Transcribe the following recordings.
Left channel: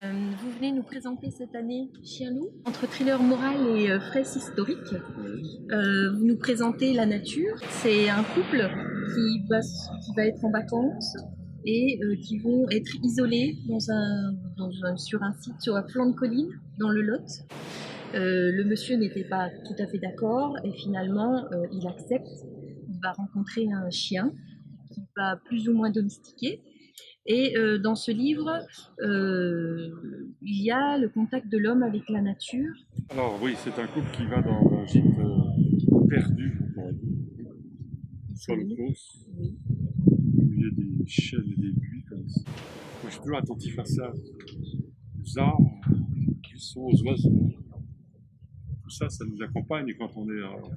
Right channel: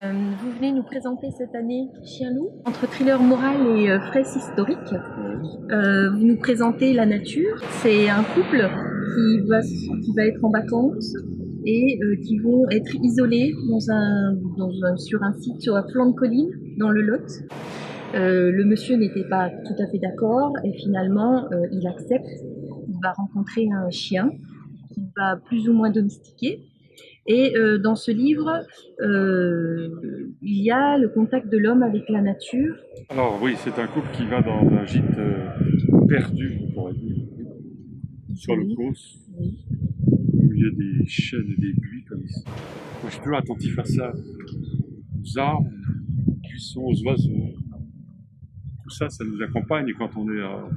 Vous venez nous présenter cette année Chien-Loup, entre thriller moral et fraise historique. Vous nous présentez la nature. C'est un couple qui va être en vacances et qui vont être isolés sur un site sur un flanc de colline dans le Lot. Le monsieur n'était pas tout à fait d'accord et finalement il accepte. Il va rencontrer un chien qu'il va plus ou moins domestiquer. Et dans ce livre, il y a le contact de l'homme avec la nature. Alors oui, c'est un couple qui va dans un gîte perdu, on pourrait dire, sur le Causse, Oui. au milieu des chênes et des buis comme ici. Moi, je suis toujours attentif à ça, aux arbres, aux buissons, aux oiseaux. Tout ça, ça nous accompagne. Et quand on est en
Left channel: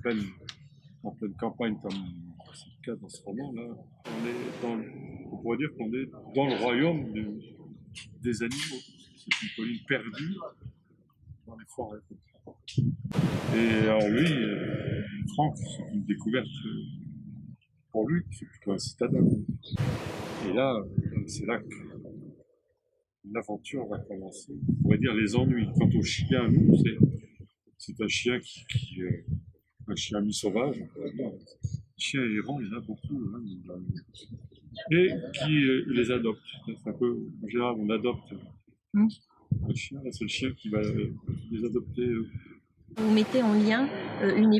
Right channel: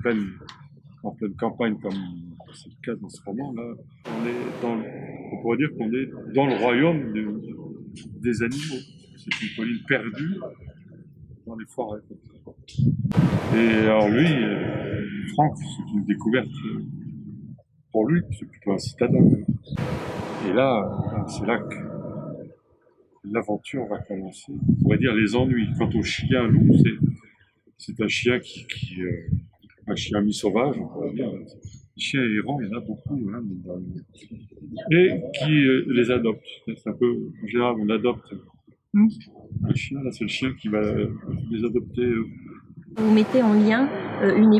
pleine campagne, comme c'est le cas dans ce roman-là, on pourrait dire qu'on est dans le royaume des animaux. C'est une colline perdue dans les forêts. Et alors lui, Franck, c'est une découverte pour lui, c'est plutôt un citadin. Et là, c'est là que l'aventure va commencer. On pourrait dire les ennuis. Quant au chien loup, c'est un chien un chien mi-sauvage, on pourrait dire. Les chiens errants, il y en a beaucoup, hein, et qui les adopte. C'est un peu, en général, on adopte un chien. Là, c'est le chien qui va les adopter. Vous mettez en lien une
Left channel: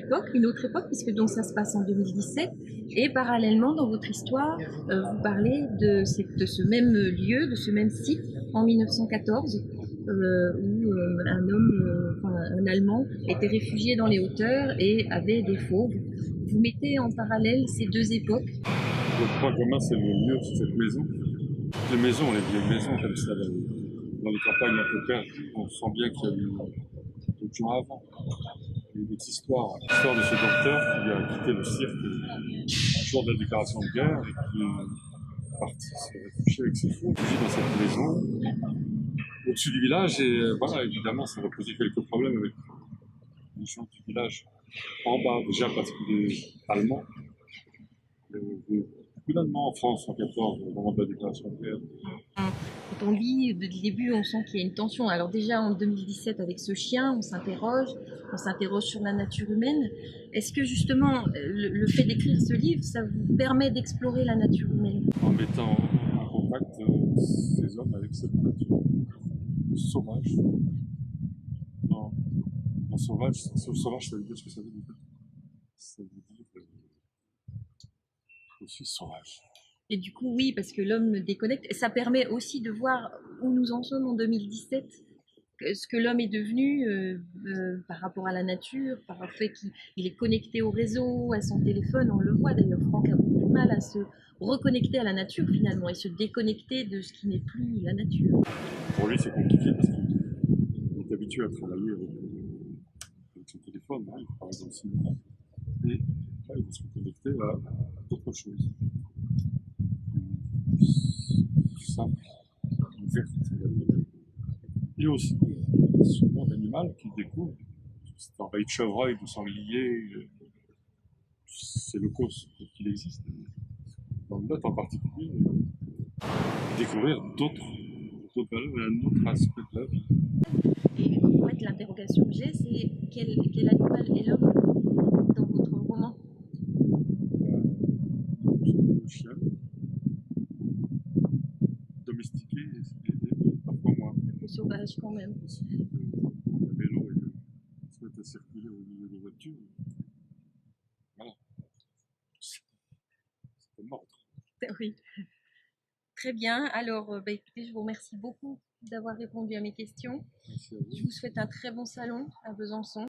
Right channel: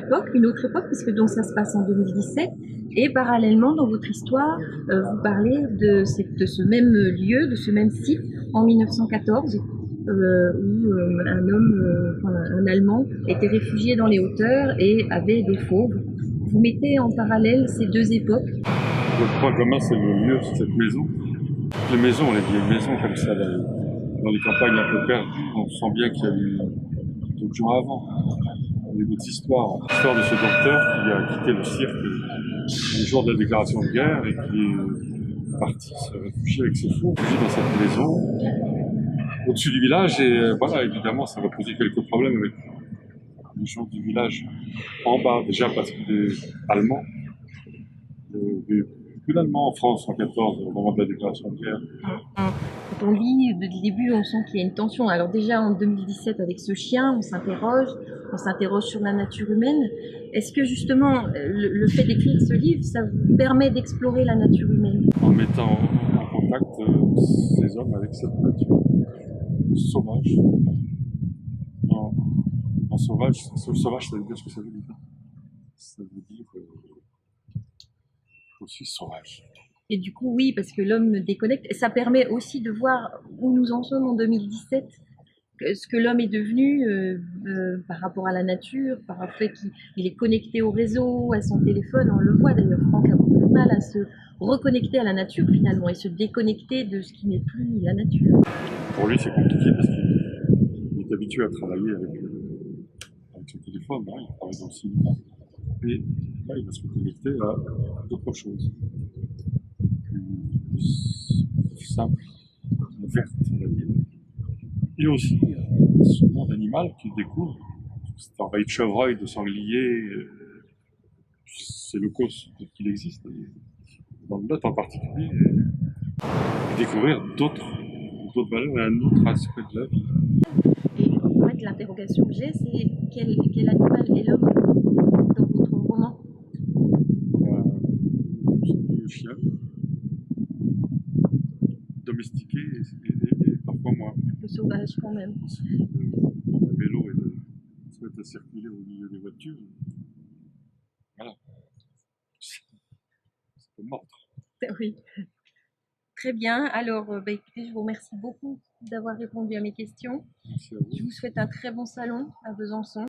autre époque, puisque donc ça se passe en 2017, et parallèlement dans votre histoire, vous parlez de ce même lieu, de ce même site, en 1914, où un Allemand était réfugié dans les hauteurs et avait des fauves. Vous mettez en parallèle ces deux époques. Le point commun, c'est le lieu, c'est cette maison. Les maisons, les vieilles maisons comme ça, dans les campagnes un peu perdues, on sent bien qu'il y a eu d'autres gens avant. Il y a d'autres histoires. L'histoire de ce docteur qui a quitté le cirque le jour de la déclaration de guerre et qui est parti se réfugier avec ses fous, réfugié dans cette maison au-dessus du village. Et voilà, évidemment, ça va poser quelques problèmes avec les gens du village en bas, déjà parce qu'il est allemand. Il y a beaucoup d'Allemands en France en 14 au moment de la déclaration de guerre. Quand on lit dès le début, on sent qu'il y a une tension. Alors déjà en 2017 avec ce chien, on s'interroge sur la nature humaine. Est-ce que justement le fait d'écrire ce livre, ça vous permet d'explorer la nature humaine? En mettant en contact ces hommes avec cette nature sauvage. Non, non sauvage, sauvage, ça veut dire ce que ça veut dire. Ça veut dire aussi sauvage. Et du coup, oui, parce que l'homme déconnecte. Et ça permet aussi de voir où nous en sommes en 2017, ce que l'homme est devenu par rapport à la nature, par le fait qu'il est connecté au réseau, à son téléphone. On le voit d'ailleurs, Franck a beaucoup de mal à se reconnecter à la nature finalement et se déconnecter de ce qui n'est plus la nature. Pour lui, c'est compliqué parce qu'il est habitué à travailler avec son téléphone. Hein, il travaille dans le cinéma. Et là, il va se reconnecter à d'autres choses. Plus simple, verte, on va dire. Et aussi ce monde animal qu'il découvre. C'est envahi de chevreuils, de sangliers. C'est le cause qu'il existe. Dans le Lot en particulier. Et découvrir d'autres valeurs et un autre aspect de la vie. Et en fait, l'interrogation que j'ai, c'est quel animal est l'homme dans votre roman? Le chien, domestiqué et parfois moins. Un peu sauvage quand même. Il suffit de prendre un vélo et de se mettre à circuler au milieu des voitures. Voilà. Ça peut mordre. Oui. Très bien. Alors, écoutez, je vous remercie beaucoup d'avoir répondu à mes questions. Merci à Je vous. vous souhaite un très bon salon à Besançon.